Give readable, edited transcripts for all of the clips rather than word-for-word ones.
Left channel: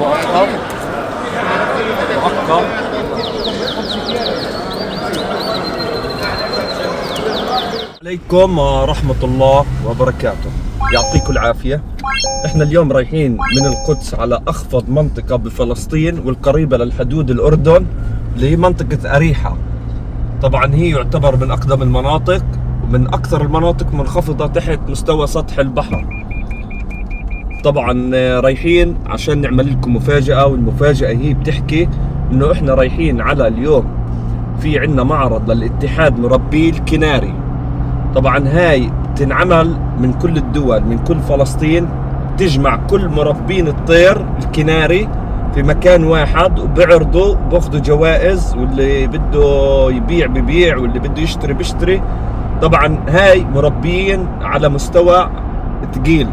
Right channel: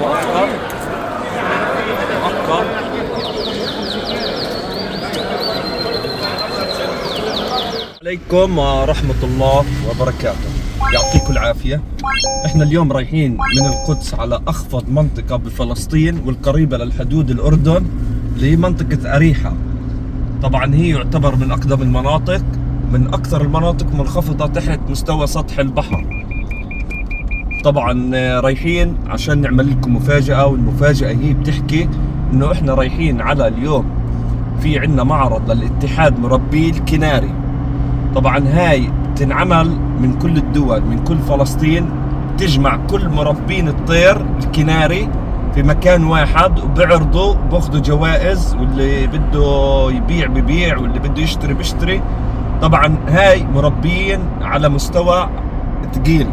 مؤقت عليكم ورحمة الله وبركاته. يعطيكم العافية. احنا اليوم رايحين من القدس على أخفض منطقة بفلسطين والقريبة للحدود الأردن، لمنطقة أريحة. طبعا هي يعتبر من أقدم المناطق، من أكثر المناطق منخفضة تحت مستوى سطح البحر. طبعا رايحين عشان نعمل لكم مفاجأة، والمفاجأة هي بتحكي إنه احنا رايحين على اليوم في عنا معرض للاتحاد مربي الكناري. طبعا هاي تنعمل من كل الدول، من كل فلسطين، تجمع كل مربين الطير الكناري في مكان واحد، وبيعرضوا باخذوا جوائز، واللي بده يبيع ببيع واللي بده يشتري بيشتري. طبعا هاي مربيين على مستوى ثقيل.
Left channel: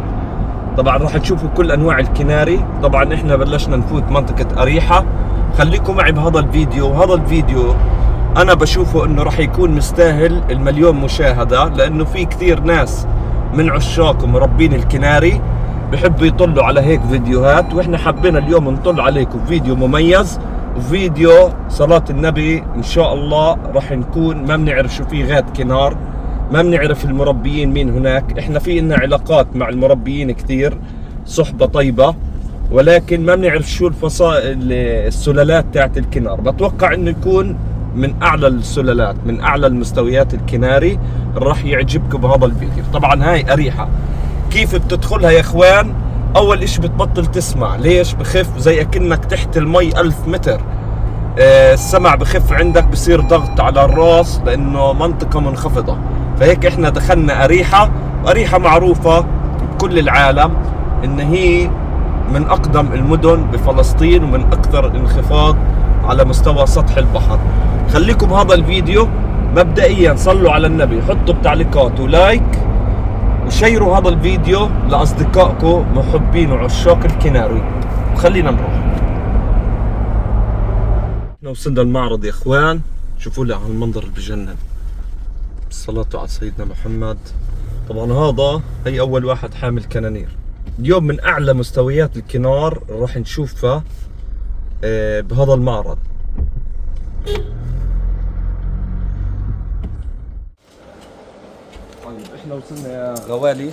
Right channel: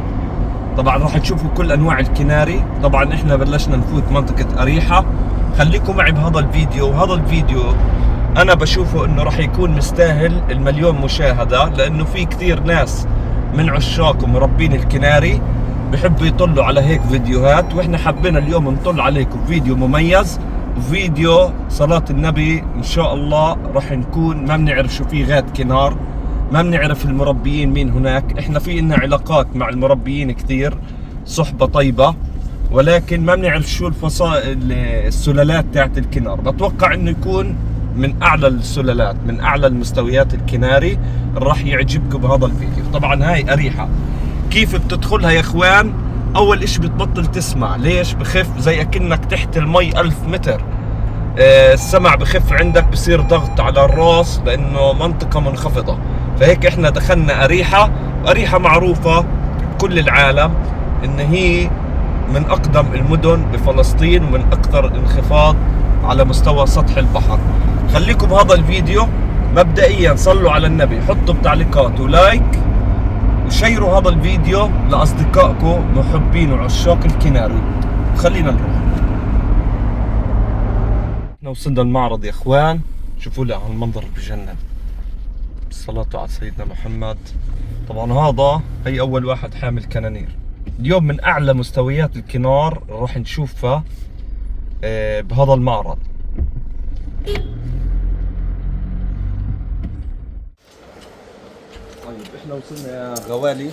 طبعا راح تشوفوا كل انواع الكناري. طبعا احنا بلشنا نفوت منطقة أريحة. خليكم معي بهذا الفيديو، وهذا الفيديو انا بشوفه انه راح يكون مستاهل المليون مشاهدة، لانه في كثير ناس من عشاق ومربين الكناري بحبوا يطلوا على هيك فيديوهات، واحنا حبينا اليوم نطل عليكم فيديو مميز، وفيديو صلاة النبي. ان شاء الله راح نكون ما بنعرف شو في غاد كنار، ما بنعرف المربيين مين هناك. احنا في لنا علاقات مع المربيين كثير، صحبة طيبة، ولكن ما بنعرف شو السلالات تاعت الكنار. بتوقع انه يكون من اعلى السلالات، من اعلى المستويات الكناري. راح يعجبكم بهذا الفيديو. طبعا هاي أريحة كيف بتدخلها يا اخوان؟ اول اشي بتبطل تسمع. ليش؟ بخف زي اكنك تحت المي 1000 متر. السمع بخف عندك، بصير ضغط على الراس لانه منطقة منخفضة. فهيك احنا دخلنا أريحة. وأريحة معروفة بكل العالم ان هي من اقدم المدن بفلسطين، ومن اكثر الانخفاض على مستوى سطح البحر. خليكم بهذا الفيديو. مبدئيا صلوا على النبي، حطوا بتعليقات ولايك، وشيروا هذا الفيديو لاصدقائكم محبين وعشاق الكناري. خلينا نروح. احنا وصلنا المعرض يا اخوان. شوفوا لي على المنظر اللي بجنن. الصلاة على سيدنا محمد. طبعا هذا هي اول واحد حامل كنانير. اليوم من اعلى مستويات الكنار راح نشوفها بهذا المعرض. طيب احنا وصلنا يا غوالي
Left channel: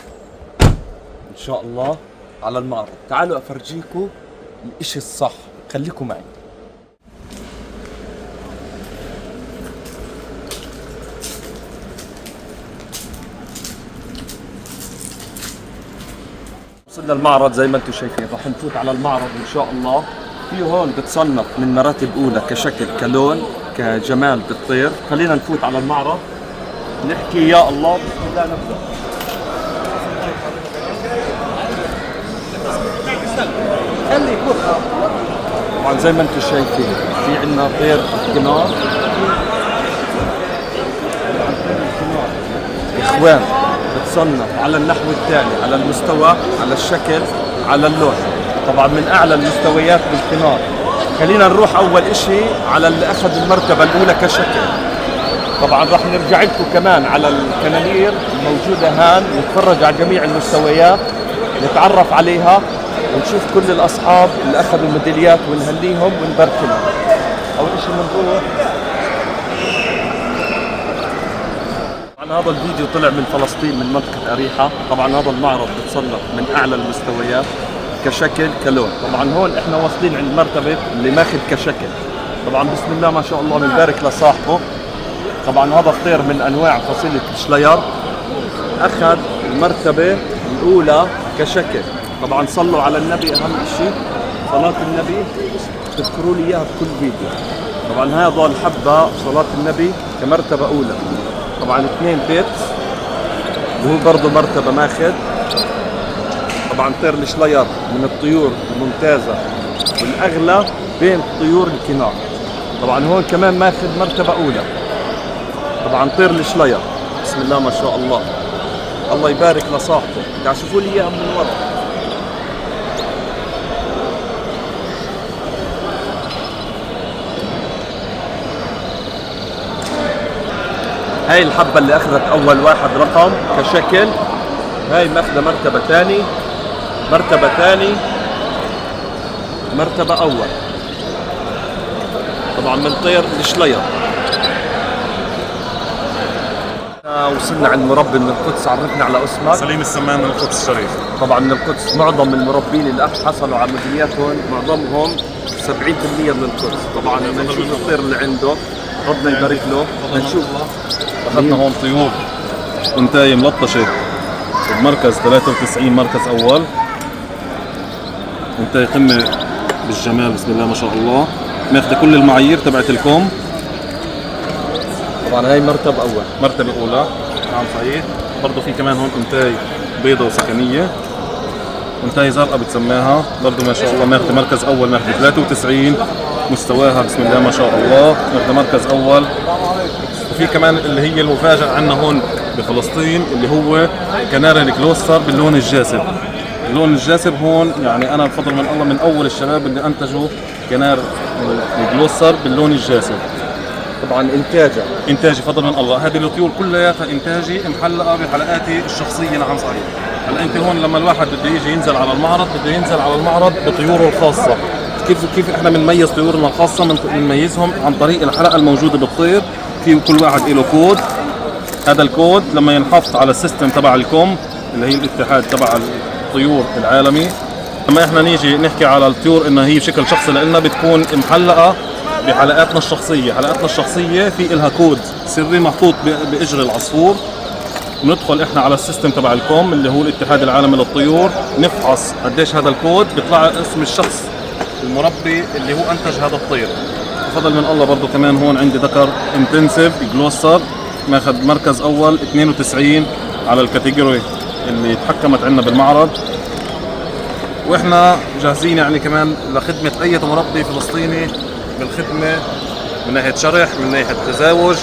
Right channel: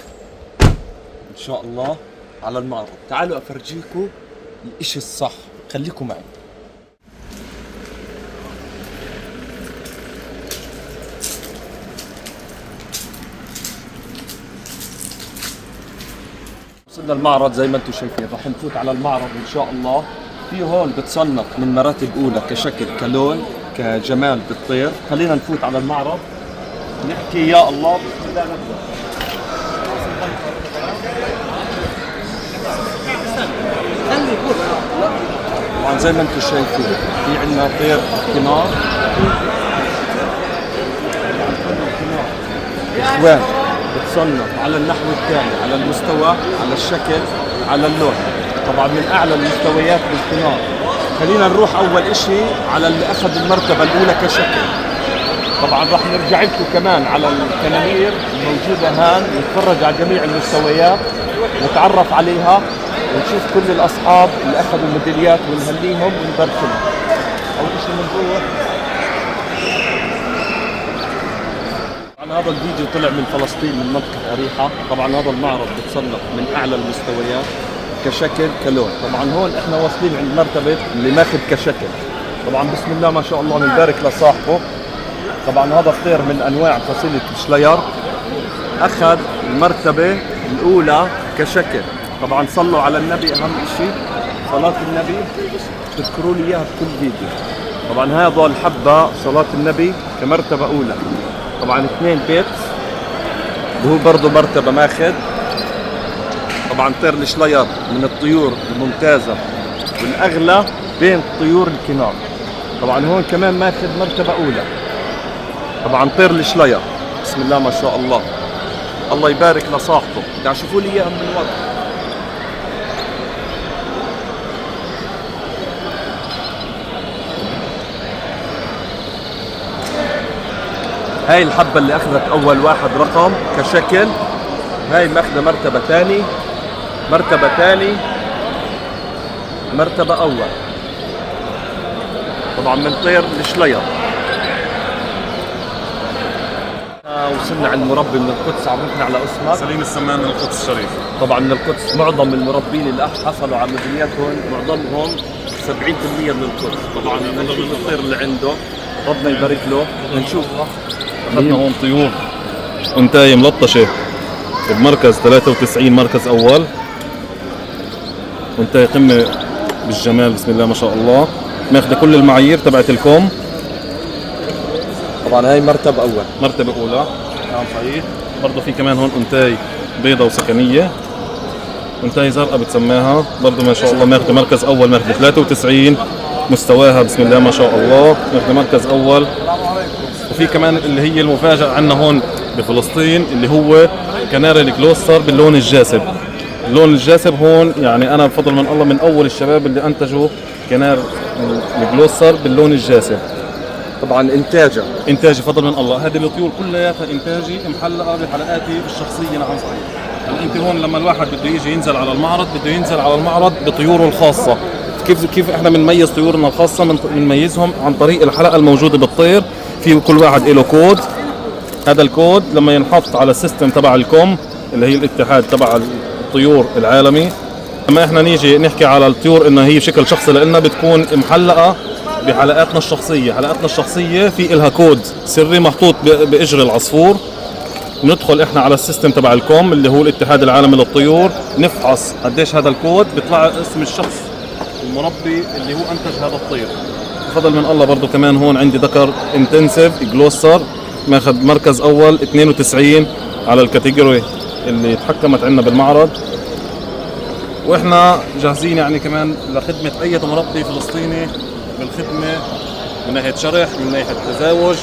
ان شاء الله على المعرض. تعالوا افرجيكم الاشي الصح، خليكم معي. وصلنا المعرض زي ما انتم شايفين. راح نفوت على المعرض ان شاء الله. في هون بتصنف من مراتب اولى كشكل، كلون، كجمال بالطير. خلينا نفوت على المعرض نحكي يا الله. بسم الله نبدأ. طبعا زي ما انتم شايفين في عندنا طير الكنار. يا اخوان بتصنف على النحو الثاني، على المستوى، على الشكل، على اللون. طبعا من اعلى المستويات بالكنار. خلينا نروح اول اشي على اللي اخذ المرتبة الاولى كشكل. طبعا راح نرجع لكم كمان على الكنانير الموجودة هان، نتفرج على جميع المستويات، نتعرف عليها، ونشوف كل الاصحاب اللي اخذوا ميداليات ونهنيهم ونبارك لهم. اول شيء بنروح. طبعا هذا الفيديو طلع من فلسطين، من منطقة أريحة. طبعا هذا المعرض بتصنف من اعلى المستويات كشكل، كلون. طبعا هون احنا واصلين عند مرتبة اللي ماخذ كشكل. طبعا بسم الله ما شاء الله، بنبارك لصاحبه. طبعا هذا الطير من انواع فصيلة شلاير، اخذ المرتبة الاولى كشكل. طبعا صلوا على النبي، اهم شيء صلاة النبي، تذكروا لي اياها بكل فيديو. طبعا هذا الحبة صلاة النبي كمرتبة اولى. طبعا 2 بيتس، وهو برضه مرتبة ماخذ. طبعا طير الشلاير من الطيور الممتازة والاغلى بين طيور الكنار. طبعا هون كمان ماخذ مرتبة اولى. طبعا طير الشلاير بسم الله ما شاء الله، الله يبارك لصاحبه. قاعد شوفوا لي اياها من ورا. هاي الحبة اللي اخذت اول واحد رقم كشكل، هاي ماخذة مرتبة ثاني، مرتبة ثاني، مرتبة أول. طبعا من طير الشلير. وصلنا عند مربي من القدس، عرفنا على اسمك. سليم السمان من القدس الشريف. طبعا من القدس. معظم المربين اللي حصلوا على ميداليات هون معظمهم 70% من القدس. طبعا بدنا نشوف الطير اللي عنده، ربنا يبارك له. بدنا نشوف. اخذنا هون طيور انتايه ملطشه بمركز 93 مركز اول، انتايه قمه بالجمال بسم الله ما شاء الله، ماخذه كل المعايير تبعت الكوم. طبعا هاي مرتبة أول. مرتبه اولى. نعم صحيح. برضه في كمان هون انتاي بيضة وسكنيه، انتاي زرقاء بتسماها برضه ما شاء الله، ماخذه مركز اول، ماخذه 93 مستواها بسم الله ما شاء الله، ماخذه مركز اول. وفي كمان اللي هي المفاجأة عندنا هون بفلسطين اللي هو كناري الكلوستر باللون الجاسب. اللون الجاسب هون يعني أنا بفضل من الله من أول الشباب اللي أنتجوا كنار الكلوستر باللون الجاسب. طبعا إنتاجي فضل من الله. هذه الطيور كلياتها إنتاجي محلقة بحلقاتي الشخصية. نعم صحيح. هلا أنت هون لما الواحد بده يجي ينزل على المعرض بده ينزل على المعرض بطيوره الخاصة. كيف احنا بنميز طيورنا الخاصة؟ بنميزهم عن طريق الحلقة الموجودة بالطير. في كل واحد له كود، هذا الكود لما ينحط على السيستم تبع الكوم اللي هي الاتحاد تبع الطيور العالمي، لما احنا نيجي نحكي على الطيور انها هي بشكل شخصي لانها بتكون محلقة بحلقاتنا الشخصية. حلقاتنا الشخصية في إلها كود سري محطوط بإجر العصفور. ندخل احنا على السيستم تبع الكوم اللي هو الاتحاد العالمي للطيور، نفحص قديش هذا الكود، بيطلع اسم الشخص المربي اللي هو انتج هذا الطير. بفضل من الله برضو كمان هون عندي ذكر انتنسيف جلوستر ماخذ مركز اول 92 على الكاتيجوري اللي تحكمت عندنا بالمعرض. واحنا جاهزين يعني كمان لخدمة اي مربي فلسطيني بالخدمة من ناحية شرح، من ناحية تزاوج،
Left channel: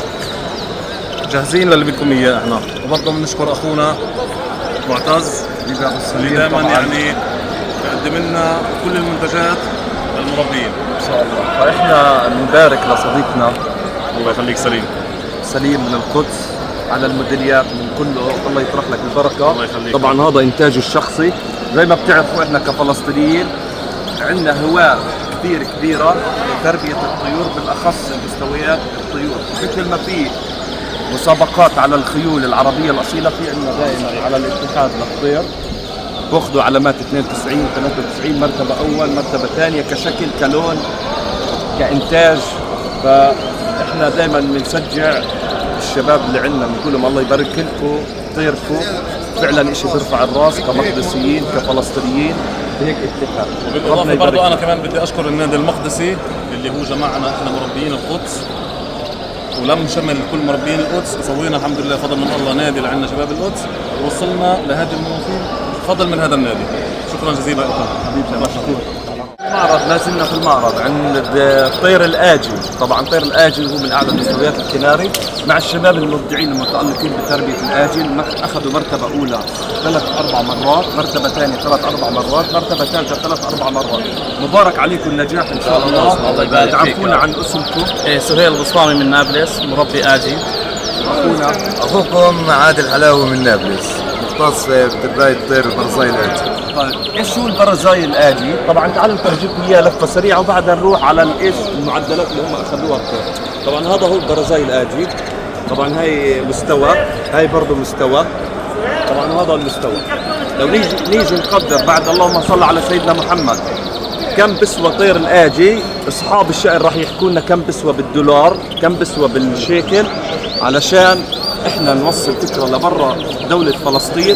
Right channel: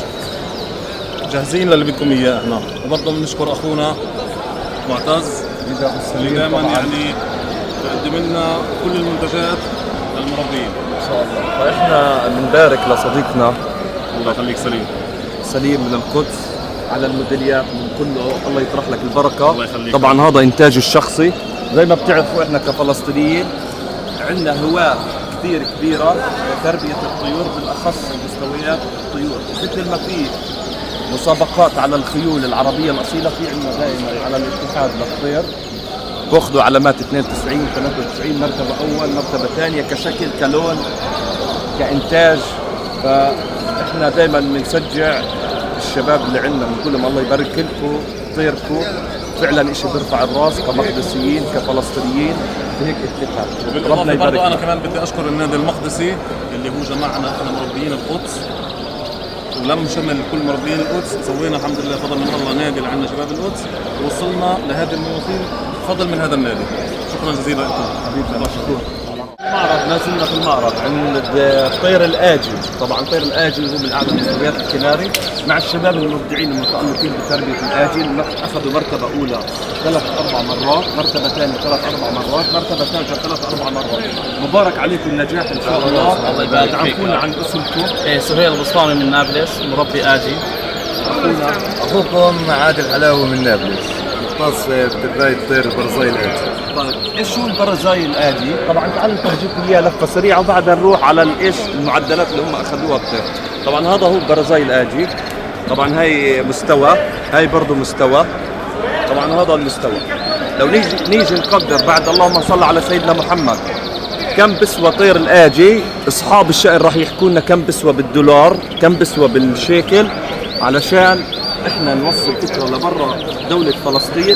جاهزين للي بدكم اياه احنا. وبرضه بنشكر اخونا معتز اللي دائما يعني بيقدم لنا كل المنتجات للمربيين ان شاء الله. فاحنا بنبارك لصديقنا الله يخليك سليم من القدس على الميداليات من كله، الله يطرح لك البركه. الله يخليك. طبعا هذا انتاجي الشخصي. زي ما بتعرفوا احنا كفلسطينيين عندنا هواة كثير كبيره لتربيه الطيور، بالاخص المستويات الطيور. مثل ما في مسابقات على الخيول العربيه الاصيله، في عندنا دائما على الاتحاد للطير باخذوا علامات 92 93 مرتبه اول مرتبه ثانيه كشكل كلون كانتاج. فاحنا دائما بنشجع الشباب اللي عندنا، بنقول لهم الله يبارك لكم طيركم، فعلا شيء بيرفع الراس كمقدسيين كفلسطينيين بهيك اتحاد. بالاضافه برضه انا كمان بدي اشكر النادي المقدسي اللي هو جمعنا احنا مربيين القدس ولم شمل كل مربيين القدس، وسوينا الحمد لله فضل من الله نادي اللي عندنا شباب القدس، ووصلنا لهذه المواسم فضل من هذا النادي. شكرا جزيلا لكم حبيبنا. مشكور. المعرض ما زلنا في المعرض عند طير الآجي. طبعا طير الآجي هو من اعلى مستويات الكناري، مع الشباب المبدعين المتألقين بتربية الآجي. اخذوا مرتبة اولى 3-4 مرات، مرتبة ثانية 3-4 مرات، مرتبة ثالثة 3-4 مرات. مبارك عليكم النجاح ان شاء الله. الله يبارك فيك. تعرفونا عن اسمكم؟ سهيل البسطامي من نابلس، مربي آجي. واخونا اخوكم عادل حلاوي من نابلس، مختص بتربية الطير البرزاي الآجي. طيب ايش هو البرزاي الآجي؟ طبعا تعالوا نفرجيكم اياه لفه سريعه وبعدها نروح على ايش المعدلات اللي هم اخذوها الطير. طبعا هذا هو البرزاي الآجي. طبعا هاي مستوى، هاي برضه مستوى. طبعا هذا المستوى. لو نيجي نقدر بعد اللهم صل على سيدنا محمد كم بسوى طير الآجي، اصحاب الشأن راح يحكوا لنا كم بسوى بالدولار، كم بسوى بالشيكل، علشان احنا نوصل فكره لبرا دوله فلسطين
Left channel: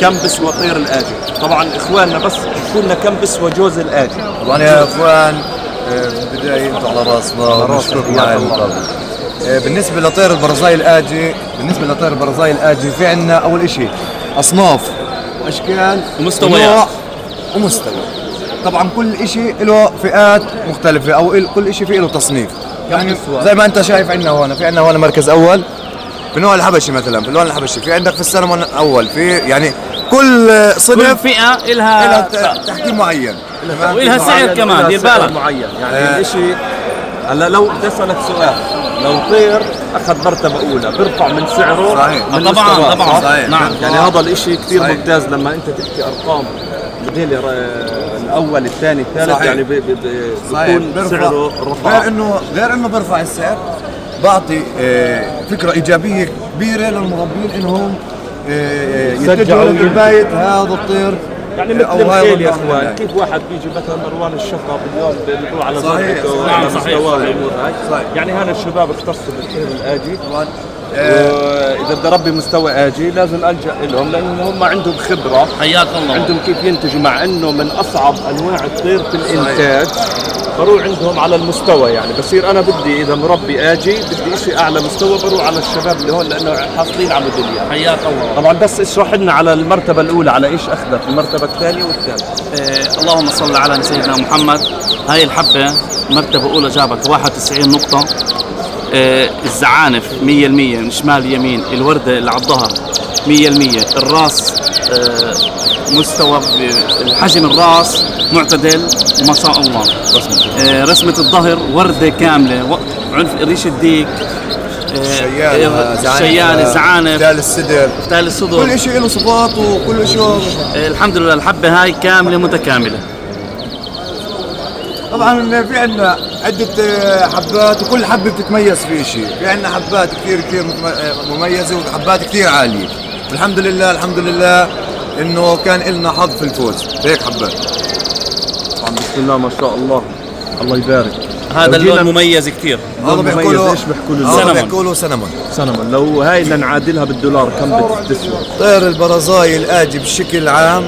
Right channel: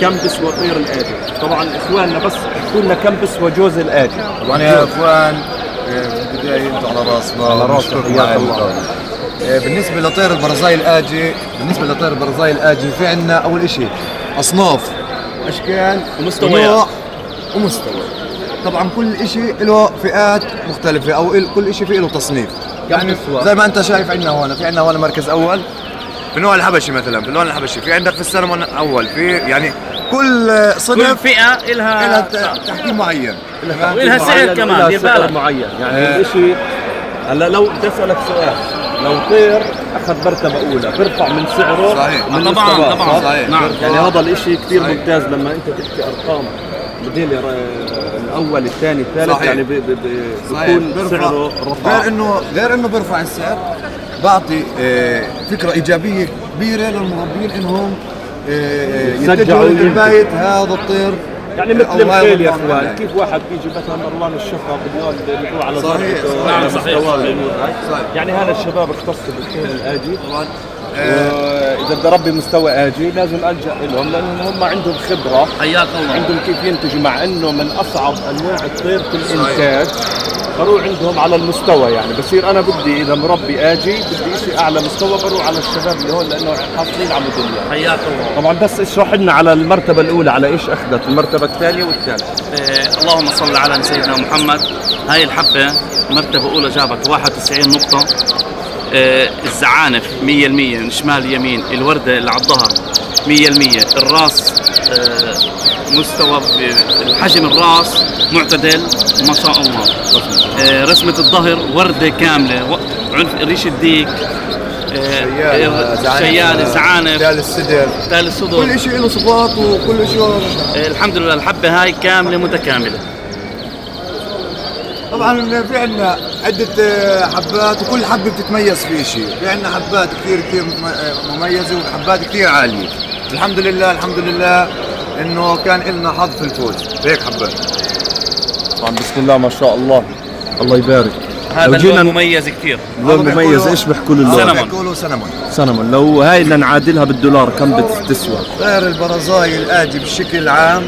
كم بسوى طير الآجي. طبعا اخواننا بس يحكوا لنا كم بسوى جوز الآجي. طبعا يا اخوان في البدايه انتم على راسنا ونشكركم معي المقابله. بالنسبه لطير البرزاي الآجي في عندنا اول شيء اصناف واشكال ومستويات ومستوى. طبعا كل شيء له فئات مختلفه او كل شيء فيه له تصنيف. يعني زي ما انت شايف عندنا هون، في عندنا هون مركز اول في نوع الحبشي مثلا، في اللون الحبشي، في عندك في السلمون اول، في يعني كل صنف كل فئة إلها تحكيم معين وإلها سعر كمان، دير بالك معين. يعني الشيء هلا لو بدي اسالك سؤال، لو طير اخذ مرتبه اولى بيرفع من سعره صحيح. ومن طبعاً، مستواه، طبعاً. صح؟ نعم. يعني هذا الشيء كثير صحيح. ممتاز لما انت تحكي ارقام موديل الاول الثاني الثالث صحيح. يعني بيكون سعره رفع. غير انه بيرفع السعر، بعطي فكره ايجابيه كبيره للمربين انهم يتجهوا لتربايه هذا الطير. يعني مثل أو هاي الخيل يا والنوع من اخوان، الهاي. كيف واحد بيجي مثلا مروان الشفرة اليوم بيروح على صحيح، زرقته صحيح. على صحيح. مستوى الامور هاي. صحيح. يعني هذا الشباب اختصوا بالخيل الآجي، طبعا واذا بدي اربي مستوى آجي لازم الجا لهم لانهم هم عندهم خبره، حياكم الله. عندهم كيف ينتجوا، مع انه من اصعب انواع الطير في الانتاج. بروح عندهم على المستوى، يعني بصير انا بدي اذا مربي آجي بدي شيء اعلى مستوى، بروح على الشباب اللي هون لانه حاصلين على موديليات. حياك الله. طبعا بس اشرح لنا على المرتبه الاولى على ايش اخذت، المرتبه الثانيه والثالثه. اللهم صل على سيدنا محمد. هاي الحبة مرتبة أولى جابت 91 نقطة. الزعانف 100% من شمال يمين، الوردة اللي على الظهر 100%، الراس مستوى الحجم الراس معتدل ما شاء الله. رسمة الظهر وردة كاملة، ريش الديك، الشيال، الزعانف، تال السدر، تال الصدر، كل شيء له صفات وكل شيء. الحمد لله الحبة هاي كاملة متكاملة. طبعا في عندنا عدة حبات وكل حبة بتتميز في شيء، في عندنا حبات كثير مميزة وحبات كثير عالية. الحمد لله الحمد لله انه كان لنا حظ في الفوز هيك حبات. طبعا بسم الله ما شاء الله، الله يبارك. هذا اللون مميز كثير. لون مميز، ايش بيحكوا له اللون؟ بيحكوا له سنمون. سنمون. لو هاي بدنا نعادلها بالدولار كم بتسوى؟ غير البرزاي الآجي بشكل عام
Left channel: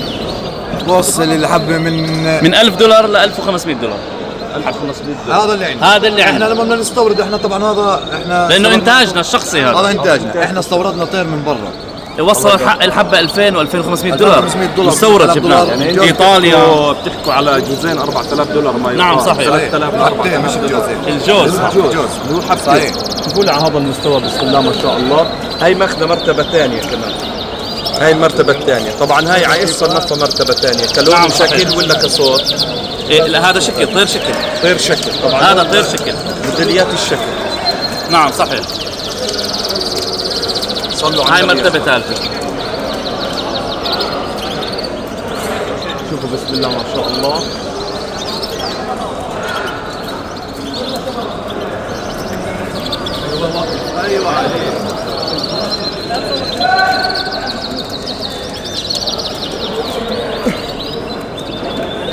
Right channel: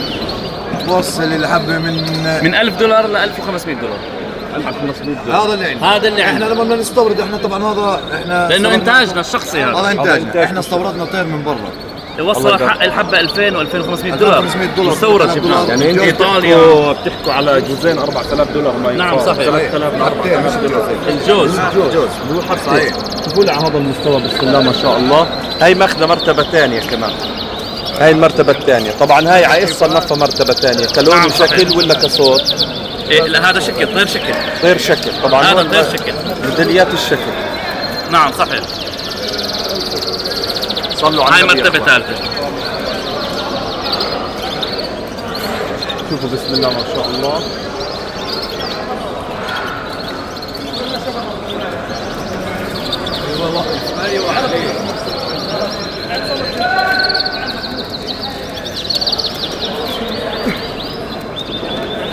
توصل الحبة من $1000 ل $1500. هذا اللي عندنا. هذا اللي احنا عندنا. لما بدنا نستورد احنا طبعا هذا احنا لانه استوردنا- انتاجنا الشخصي هذا هذا انتاجنا، احنا استوردنا طير من برا. وصل الحبه 2000 و2500 $2500 مستورد جبناه يعني من انتوا ايطاليا. بتحكوا على جوزين $4000 ما يقال. نعم، صحيح. 3000 ل 4000 دولار. الجوز الجوز اللي هو حبتين. صحيح. شوفوا لي على هذا المستوى بسم الله ما شاء الله. هاي ماخذه مرتبه ثانيه كمان. هاي المرتبه الثانيه، طبعا هاي على ايش صنفها مرتبه ثانيه؟ كلون نعم، وشكل صحيح. ولا كصوت؟ لا هذا شكل طير شكل. طير شكل طبعا. هذا هون طير شكل. ميداليات الشكل. نعم صحيح. صلوا على هاي النبي. مرتبه ثالثه. شوفوا بسم الله ما شاء الله.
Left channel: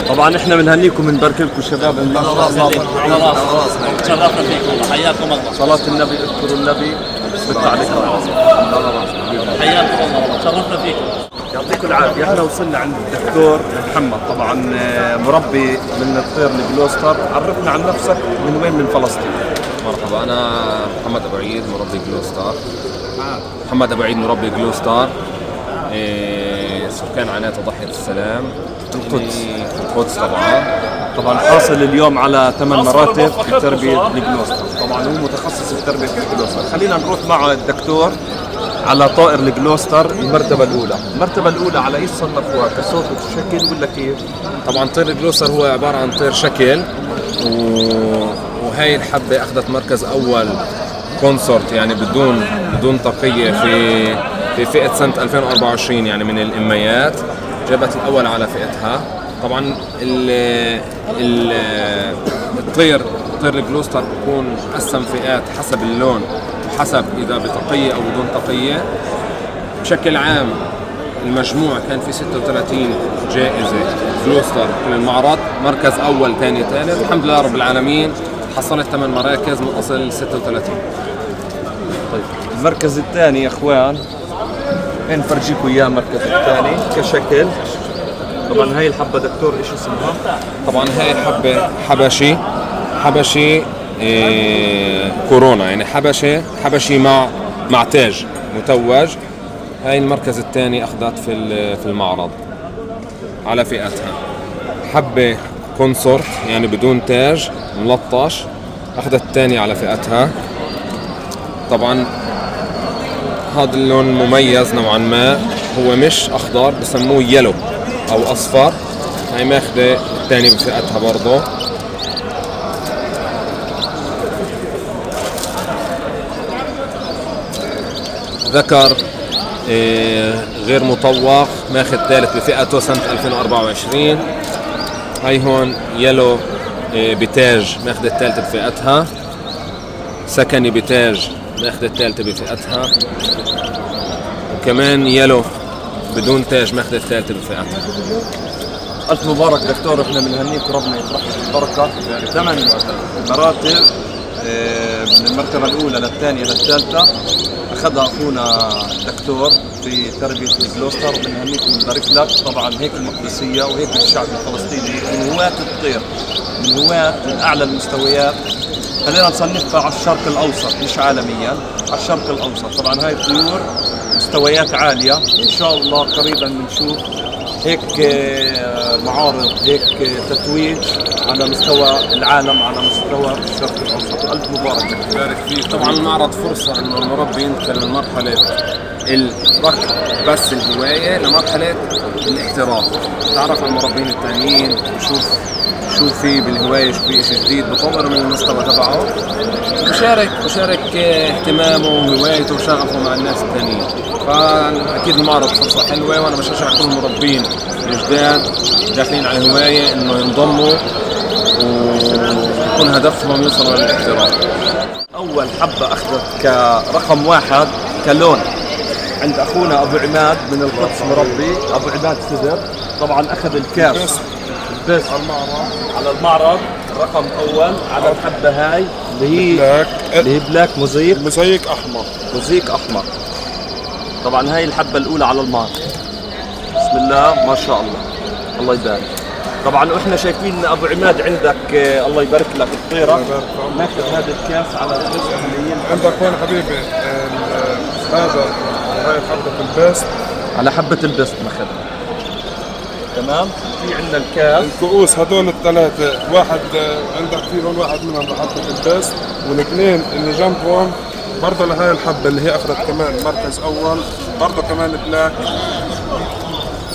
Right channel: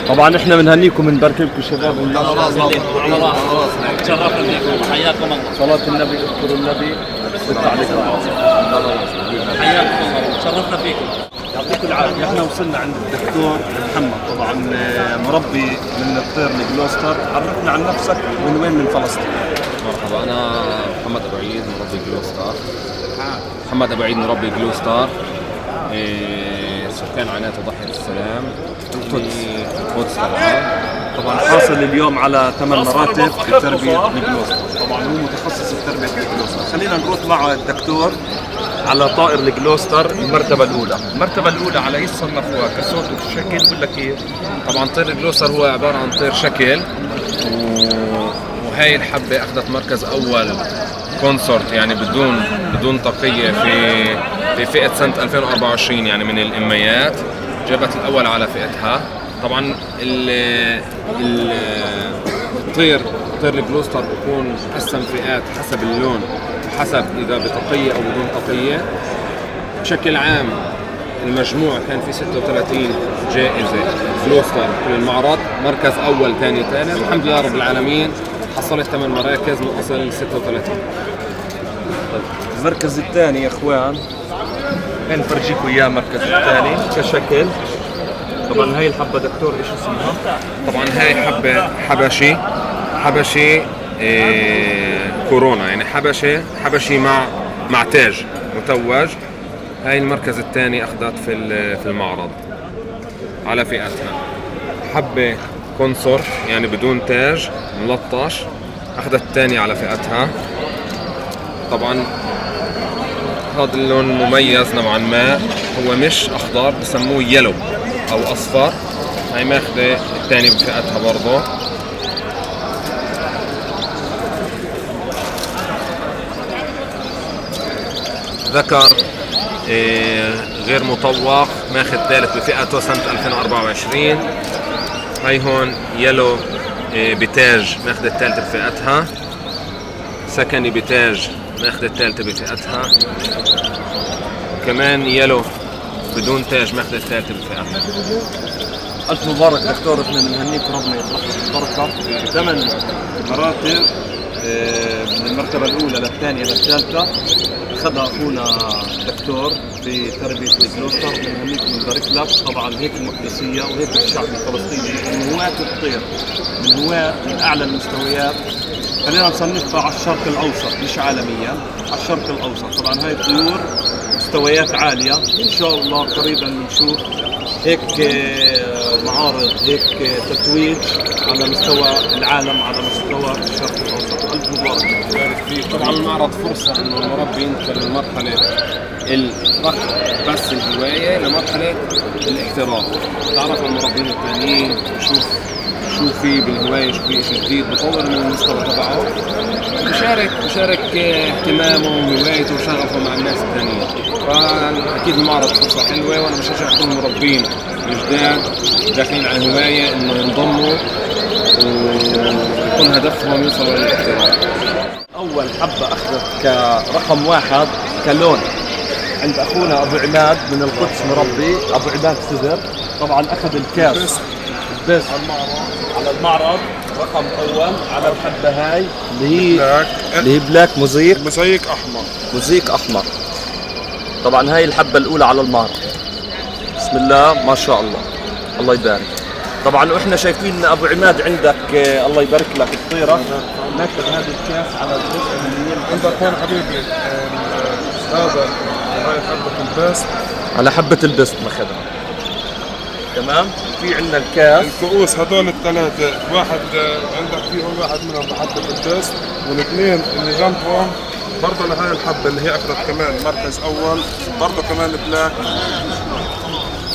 طبعا احنا بنهنيكم ونبارك لكم شباب ما شاء الله. على راسنا. تشرفنا فيكم. حياكم الله. صلاة النبي، اذكروا النبي بالتعليق. حياكم الله. تشرفنا فيكم. يعطيكم العافية. احنا وصلنا عند الدكتور محمد، طبعا مربي من الطير الجلوستر. عرفنا عن نفسك من وين من فلسطين. مرحبا، أنا محمد أبو عيد مربي جلوستار. محمد أبو عيد مربي جلوستار. سكان عناية ضحية السلام القدس طبعا حاصل اليوم على 8 مراتب في تربية الجلوستر. طبعا هو متخصص في تربية الجلوستر. خلينا نروح مع الدكتور على طائر الجلوستر المرتبة الأولى. المرتبة الأولى على ايش صنفوها؟ كصوت وشكل ولا كيف؟ طبعا طير الجلوستر هو عبارة عن طير شكل، وهي الحبة أخذت مركز أول كونسورت، يعني بدون طاقية في فئة سنة 2024، يعني من الإميات جابت الأول على فئتها. طبعا طير الجلوستر بكون مقسم فئات حسب اللون، حسب إذا بطاقية أو بدون طاقية. بشكل عام المجموع كان في 36 جائزة جلوستر في المعرض، مركز أول ثاني ثالث. الحمد لله رب العالمين حصلت 8 مراكز من أصل 36. المركز الثاني يا اخوان، هين نفرجيكم اياه. المركز الثاني كشكل. طبعا هاي الحبة دكتور ايش اسمها؟ طبعا هاي حبة حبشي كورونا، يعني حبشي مع تاج متوج. هاي المركز الثاني أخذت في المعرض على فئتها. حبة كونسورت يعني بدون تاج ملطش، أخذت الثاني على فئتها. طبعا هذا اللون مميز نوعا ما، هو مش أخضر، بسموه يلو أو أصفر. هاي ماخذة الثاني بفئتها برضه. ذكر غير مطوق ماخذ ثالث بفئته سنة 2024. هاي هون يلو بتاج ماخذ الثالثة بفئتها. سكني بتاج ماخذ الثالثة بفئتها. وكمان يلو بدون تاج ماخذ الثالثة بفئتها. ألف مبارك دكتور، احنا بنهنيك ربنا يطرح لك البركة. 8 مراتب من المرتبة الأولى للثانية للثالثة أخذها أخونا دكتور في تربية الجلوستر. بنهنيك ونبارك لك. طبعا هيك المقدسية وهيك الشعب الفلسطيني من هواة الطير، من هواة من أعلى المستويات. خلينا نصنفها على الشرق الأوسط مش عالميا، على الشرق الأوسط. طبعا هاي الطيور مستويات عالية، إن شاء الله قريبا نشوف هيك معارض، هيك تتويج على مستوى العالم، على مستوى الشرق الأوسط. ألف مبارك. بارك فيك. طبعا المعرض فرصة انه المربي ينتقل من مرحلة الركض بس الهواية لمرحلة الاحتراف، تعرف على المربين الثانيين وشوف شو في بالهواية، شو في شيء جديد، بطور من المستوى تبعه، بشارك اهتمامه وهوايته وشغفه مع الناس الثانيين. فأكيد المعرض فرصة حلوة، وأنا بشجع كل المربين الجداد داخلين على الهواية إنه ينضموا ويكون هدفهم يوصلوا للاحتراف. أول حبة أخذت كرقم 1 كلون عند أخونا أبو عماد من القدس، مربي أبو عماد سدر. طبعا أخذ الكاس بس على المعرض رقم أول على الحبة هاي اللي هي بلاك موزيك أحمر. طبعا هاي الحبة الأولى على المعرض. بسم الله ما شاء الله، الله يبارك. طبعا واحنا شايفين ابو عماد عندك الله يبارك لك الطيره، ناخذ هذا الكاس على الجزء اللي عندك هون حبيبي هذا هاي حبة البيست، على حبه البست ناخذها. تمام. في عندنا الكاس الكؤوس هذول الثلاثة، واحد عندك فيهم واحد منهم بحبة البيست، والاثنين اللي جنبهم برضه لهي الحبة اللي هي أخذت كمان مركز أول، برضه كمان بلاك.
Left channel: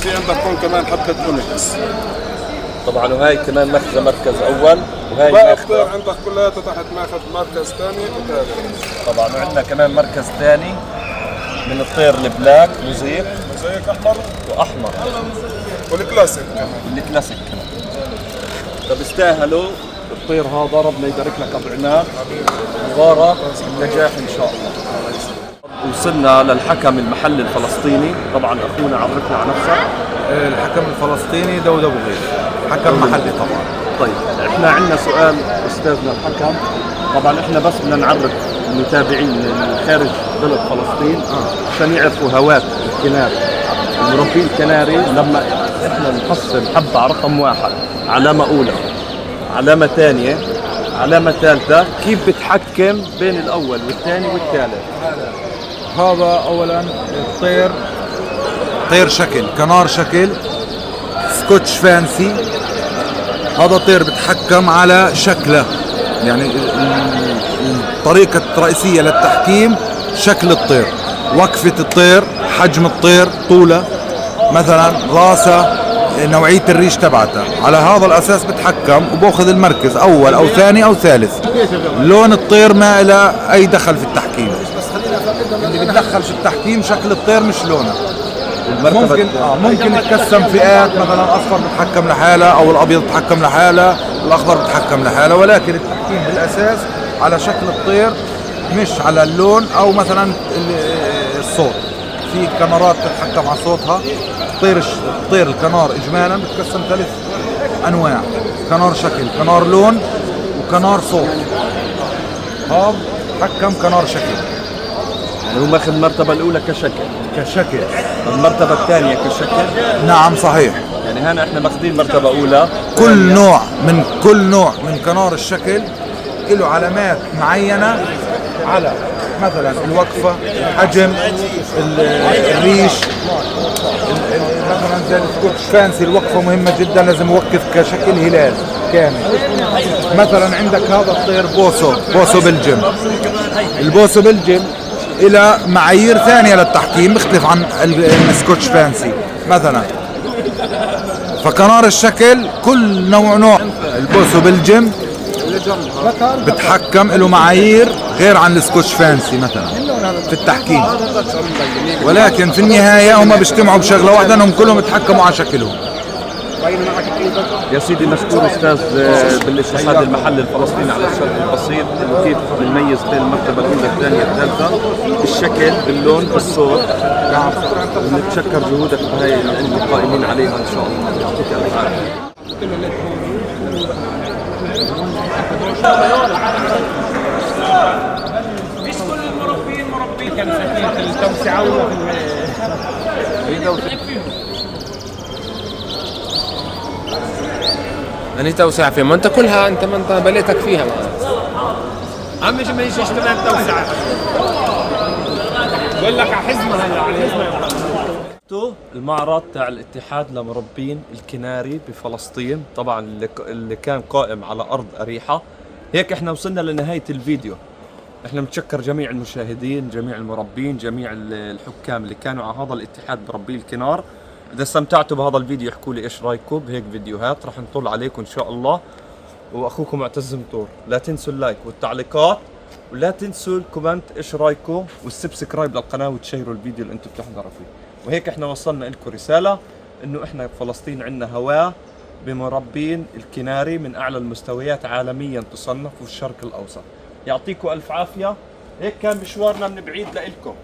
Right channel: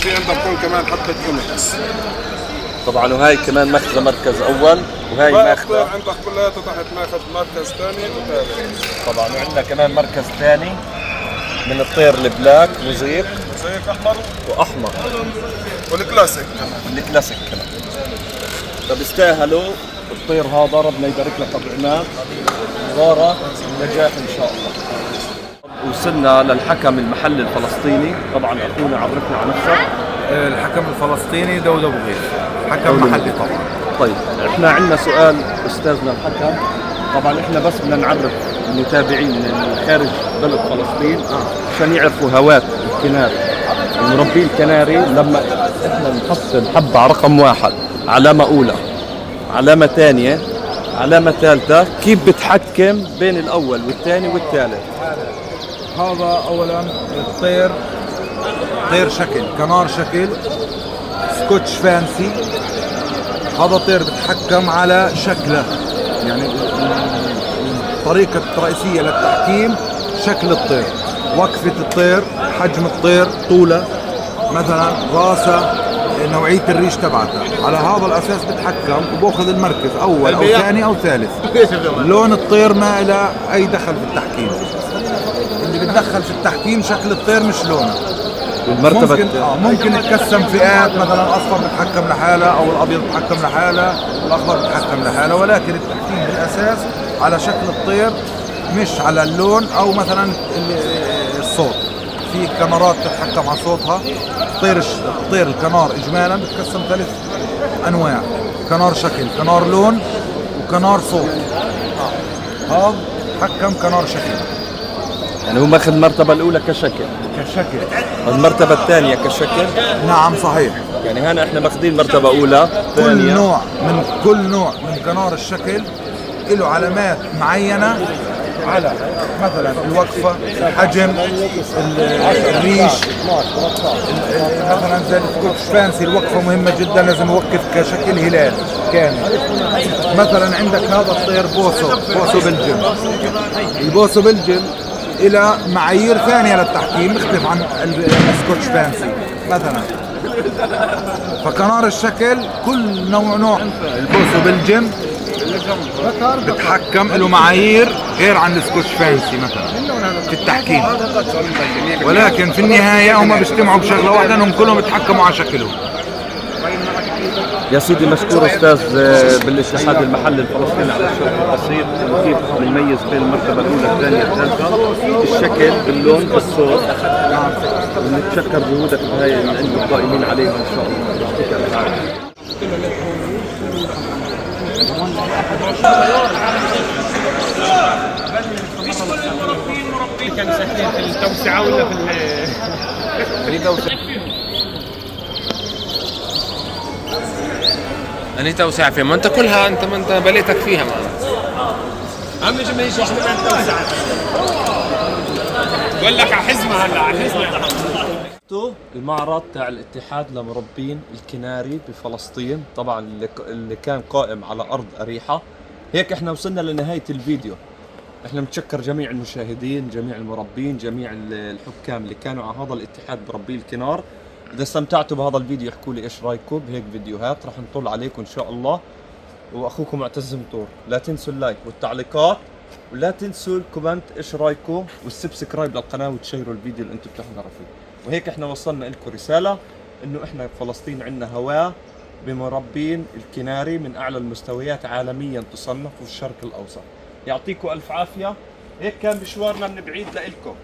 في عندك هون كمان حبة فينيكس. طبعا وهي كمان ماخذه مركز اول، وهي باقي ماخذه الطير عندك كلها تحت ماخذ مركز ثاني وثالث. طبعا وعندنا كمان مركز ثاني من الطير البلاك موزيك أحمر واحمر والكلاسيك كمان. الكلاسيك كمان. فبيستاهلوا الطير هذا، ربنا يبارك لك ابو عماد، مبارك النجاح ان شاء الله. وصلنا للحكم المحلي الفلسطيني. طبعا اخونا عرفنا عن نفسك. الحكم الفلسطيني داود ابو غيث، حكم محلي طبعا. طيب احنا عندنا سؤال استاذنا الحكم. طبعا احنا بس بدنا نعرف المتابعين من خارج بلد فلسطين عشان يعرفوا هواة الكناري. المربين الكناري لما احنا نحصل حبة رقم 1 علامة أولى، علامة ثانية، علامة ثالثة، كيف بتحكم بين الأول والثاني والثالث؟ هذا اولا الطير طير شكل، كنار شكل، سكوتش فانسي. هذا طير بتحكم على شكله، يعني الطريقة الرئيسية للتحكيم شكل الطير، وقفة الطير، حجم الطير، طوله مثلا، راسه، نوعية الريش تبعته. على هذا الأساس بتحكم وبأخذ المركز أول أو ثاني أو ثالث. لون الطير ما له أي دخل في التحكيم، اللي بتدخل في التحكيم شكل الطير مش لونه. ممكن يتقسم فئات، مثلا الأصفر بتحكم لحاله أو الأبيض بتحكم لحاله والأخضر بتحكم لحاله، ولكن التحكيم بالأساس على شكل الطير مش على اللون أو مثلا الصوت. في كاميرات تتحكم على صوتها. الطير الكنار إجمالا بتقسم 3 أنواع: كنار شكل، كنار لون، وكنار صوت. هذا حكم كنار شكل، يعني هو ماخذ المرتبة الأولى كشكل، المرتبة الثانية كشكل. نعم صحيح. يعني هنا احنا ماخذين مرتبة أولى. كل نوع من كنار الشكل له علامات معينة على مثلا الوقفة، الحجم، الريش. مثلا زي السكوتش فانسي الوقفة مهمة جدا، لازم يوقف كشكل هلال كامل. مثلا عندك هذا الطير بوسو بلجم. البوسو بلجم إلى معايير ثانية للتحكيم مختلف عن السكوتش فانسي مثلا. فكنار الشكل كل نوع البوسو بلجم بتحكم له معايير غير عن السكوتش فانسي مثلا في التحكيم، ولكن في النهايه هم بيجتمعوا بشغله واحده انهم كلهم يتحكموا على شكلهم. يا سيدي مشكور استاذ بالاستشهاد المحلي الفلسطيني على الشرح البسيط انه كيف نميز بين المرتبه الاولى الثانيه الثالثه بالشكل باللون بالصوت. نعم ونتشكر جهودك بهاي اللي انتم قائمين عليها ان شاء الله، يعطيك الف عافيه. كانوا ساكنين في التوسعه ولا اللي توسع فيه، ما انت كلها انت ما انت بليتك فيها. عم ما يجيش كمان توسعه. بقول لك على حزمه هلا على حزمه. المعرض تاع الاتحاد لمربين الكناري بفلسطين، طبعا اللي كان قائم على ارض اريحه. هيك احنا وصلنا لنهايه الفيديو. احنا بنتشكر جميع المشاهدين، جميع المربين، جميع الحكام اللي كانوا على هذا الاتحاد بربي الكنار. اذا استمتعتوا بهذا الفيديو احكوا لي ايش رايكم بهيك فيديوهات، راح نطل عليكم ان شاء الله. واخوكم معتز مطور، لا تنسوا اللايك والتعليقات، ولا تنسوا الكومنت ايش رايكم، والسبسكرايب للقناه وتشيروا الفيديو اللي انتم بتحضروا فيه. وهيك احنا وصلنا لكم رساله انه احنا فلسطين عندنا هواه بمربين الكناري من اعلى المستويات عالميا تصنف في الشرق الاوسط. يعطيكم الف عافيه. هيك كان مشوارنا من بعيد لإلكم.